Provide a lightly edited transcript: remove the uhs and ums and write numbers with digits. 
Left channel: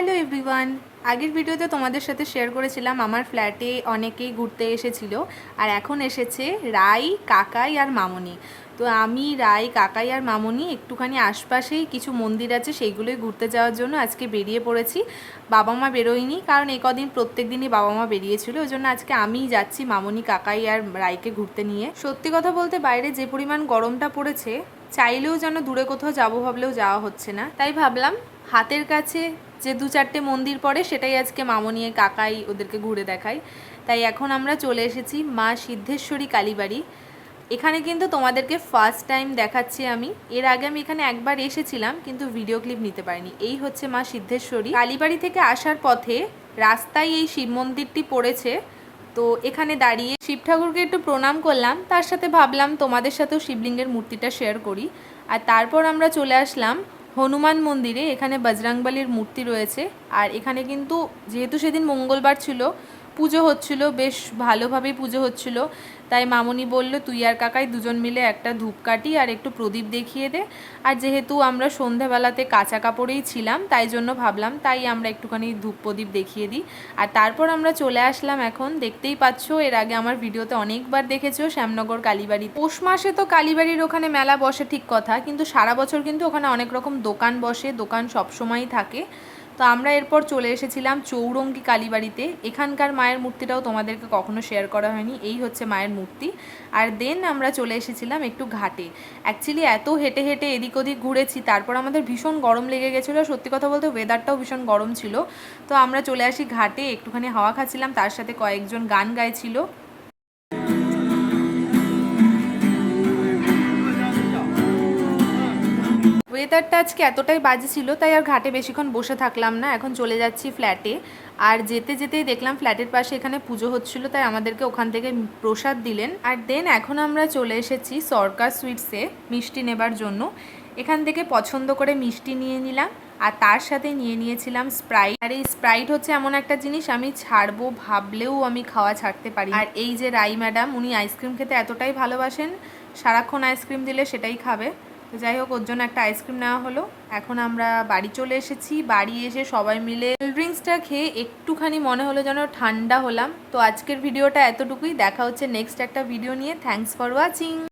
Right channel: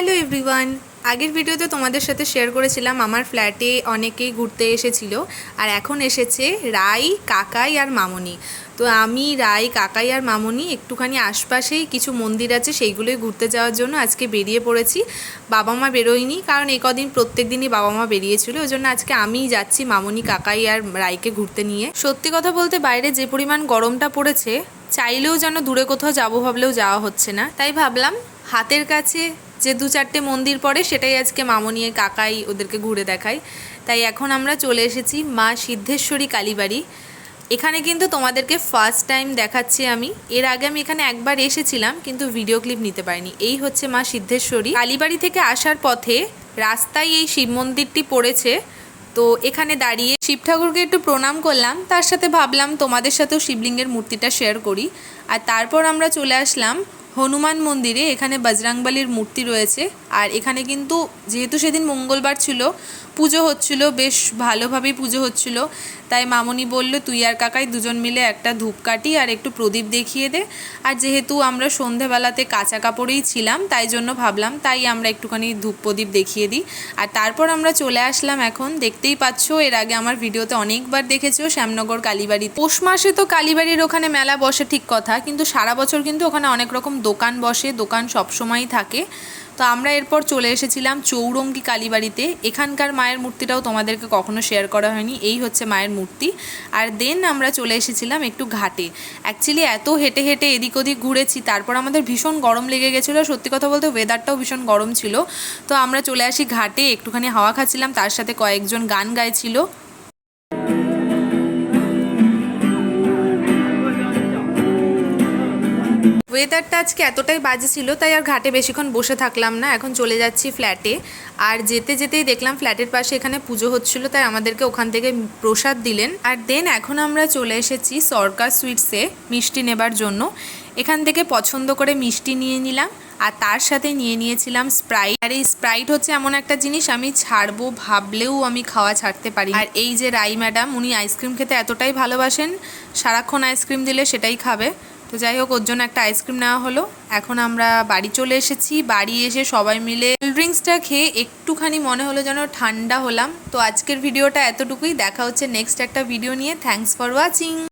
Hello everyone, আগের ভিডিওতে তোমাদের সাথে শেয়ার করেছিলাম আমার ফ্ল্যাটে অনেকেই ঘুরতে এসেছিল। আর এখন এসেছে রাই, কাকাই আর মামনি। তো আমি, রাই, কাকাই আর মামনি একটুখানি আশপাশেই কিছু মন্দির আছে সেইগুলোই ঘুরতে যাওয়ার জন্য আজকে বেরিয়ে পড়েছি। বাবা মা বেরোয়নি, কারণ এই কদিন প্রত্যেক দিনই বাবা মা বেরিয়েছিল, ওই জন্য আজকে আমিই যাচ্ছি মামনি, কাকাই আর রাইকে ঘুরতে নিয়ে। সত্যি কথা বলতে বাইরে যে পরিমাণ গরমটা পড়েছে, চাইলেও যেন দূরে কোথাও যাবো ভাবলেও যাওয়া হচ্ছে না। তাই ভাবলাম হাতের কাছে যে 2-4টে মন্দির পড়ে সেটাই আজকে মামনি কাকাই ওদেরকে ঘুরে দেখাই। তাই এখন আমরা চলে এসেছি মা সিদ্ধেশ্বরী কালীবাড়ি। এখানে কিন্তু তোমাদেরকে ফার্স্ট টাইম দেখাচ্ছি আমি। এর আগে আমি এখানে একবার এসেছিলাম, কিন্তু ভিডিও ক্লিপ নিতে পারিনি। এই হচ্ছে মা সিদ্ধেশ্বরী কালীবাড়ি। থেকে আসার পথে রাস্তায় এই শিব মন্দিরটি পড়েছে, তো এখানে দাঁড়িয়ে শিব ঠাকুরকে একটু প্রণাম করলাম, তার সাথে ভাবলাম তোমাদের সাথেও শিবলিঙ্গের মূর্তিটা শেয়ার করি। আর তারপর আমরা চলে আসলাম হনুমান মন্দিরে। এখানে বজরংবলীর মূর্তি রয়েছে। আর এখানে কিন্তু যেহেতু সেদিন মঙ্গলবার ছিল, পুজো হচ্ছিল, বেশ ভালোভাবেই পুজো হচ্ছিল। তাই মামনি বলল তুই আর কাকাই দুজন মিলে একটা ধূপকাঠি আর একটু প্রদীপ দেখিয়ে দে। আর যেহেতু আমরা সন্ধেবেলাতে কাঁচা কাপড়েই ছিলাম, তাই জন্য ভাবলাম তাই আমরা একটুখানি ধূপ প্রদীপ দেখিয়ে দিই। আর তারপর আমরা চলে আসলাম, এখন দেখতেই পাচ্ছ, এর আগে আমার ভিডিওতে অনেকবার দেখেছো, শ্যামনগর কালীবাড়ি। পৌষ মাসে তো কালীবাড়ির ওখানে মেলা বসে ঠিক কথা, কিন্তু সারা বছর কিন্তু ওখানে অনেক রকম দোকান বসে, দোকান সবসময়ই থাকে। তো আমরা এরপর চলে এসেছিলাম চৌরঙ্গি কালীবাড়িতে। এখানকার মায়ের মূর্তিটাও তোমাদেরকে কখনো শেয়ার করা হয়নি, এই হচ্ছে মায়ের মূর্তি। আর দেন আমরা চলে এসেছিলাম একটু ঘাটে। অ্যাকচুয়ালি এত হেঁটে হেঁটে এদিক ওদিক ঘুরেছি, তারপর আমাদের ভীষণ গরম লেগে গেছিলো। সত্যি কথা বলতে ওয়েদারটাও ভীষণ গরম ছিল। তো আমরা চলে আসি ঘাটে, একটুখানি হাওয়া খাচ্ছিলাম, তার সাথে কয়েকজন গান গাইছিল। ওয়েদারটা আজকে এতটাই বাজে ছিল, তাই আর ঘাটে বেশিক্ষণ বসে থাকলাম না, এখন চলে যাচ্ছি ফ্ল্যাটে। আর যেতে যেতেই দেখলাম ফ্ল্যাটের পাশে এখানে পুজো হচ্ছিল, তাই আমাদেরকে ওখান থেকে প্রসাদ দিলেন। আর দেন এখন আমরা চলে এসেছি সরকার সুইটসে মিষ্টি নেবার জন্য। এখান থেকে পছন্দ করে মিষ্টি নিয়ে নিলাম, আর তার সাথে নিয়ে নিয়েছিলাম স্প্রাইট। আর এই স্প্রাইট হচ্ছে এমন একটা জিনিস আমি ছাড়বো ভাবলেও আমি খাওয়া ছাড়তে পারি। আর এই যে রাই ম্যাডাম, উনি আইসক্রিম খেতে এতটাই ভালোবাসেন, সারাক্ষণ আইসক্রিম দিলে সেটাই খাবে। তো যাই হোক, ওর জন্য একটা আইসক্রিম নেওয়া হলো। এখন আমরা বাড়ি চলে এসেছি। বাড়ি এসে সবাই মিলে কোল্ড ড্রিঙ্কসটা খেয়ে একটুখানি মনে হলো যেন ঠান্ডা হলাম। তো আজকের ভিডিওটা এতটুকুই, দেখা হচ্ছে নেক্সট একটা ভিডিও নিয়ে। Thanks for watching.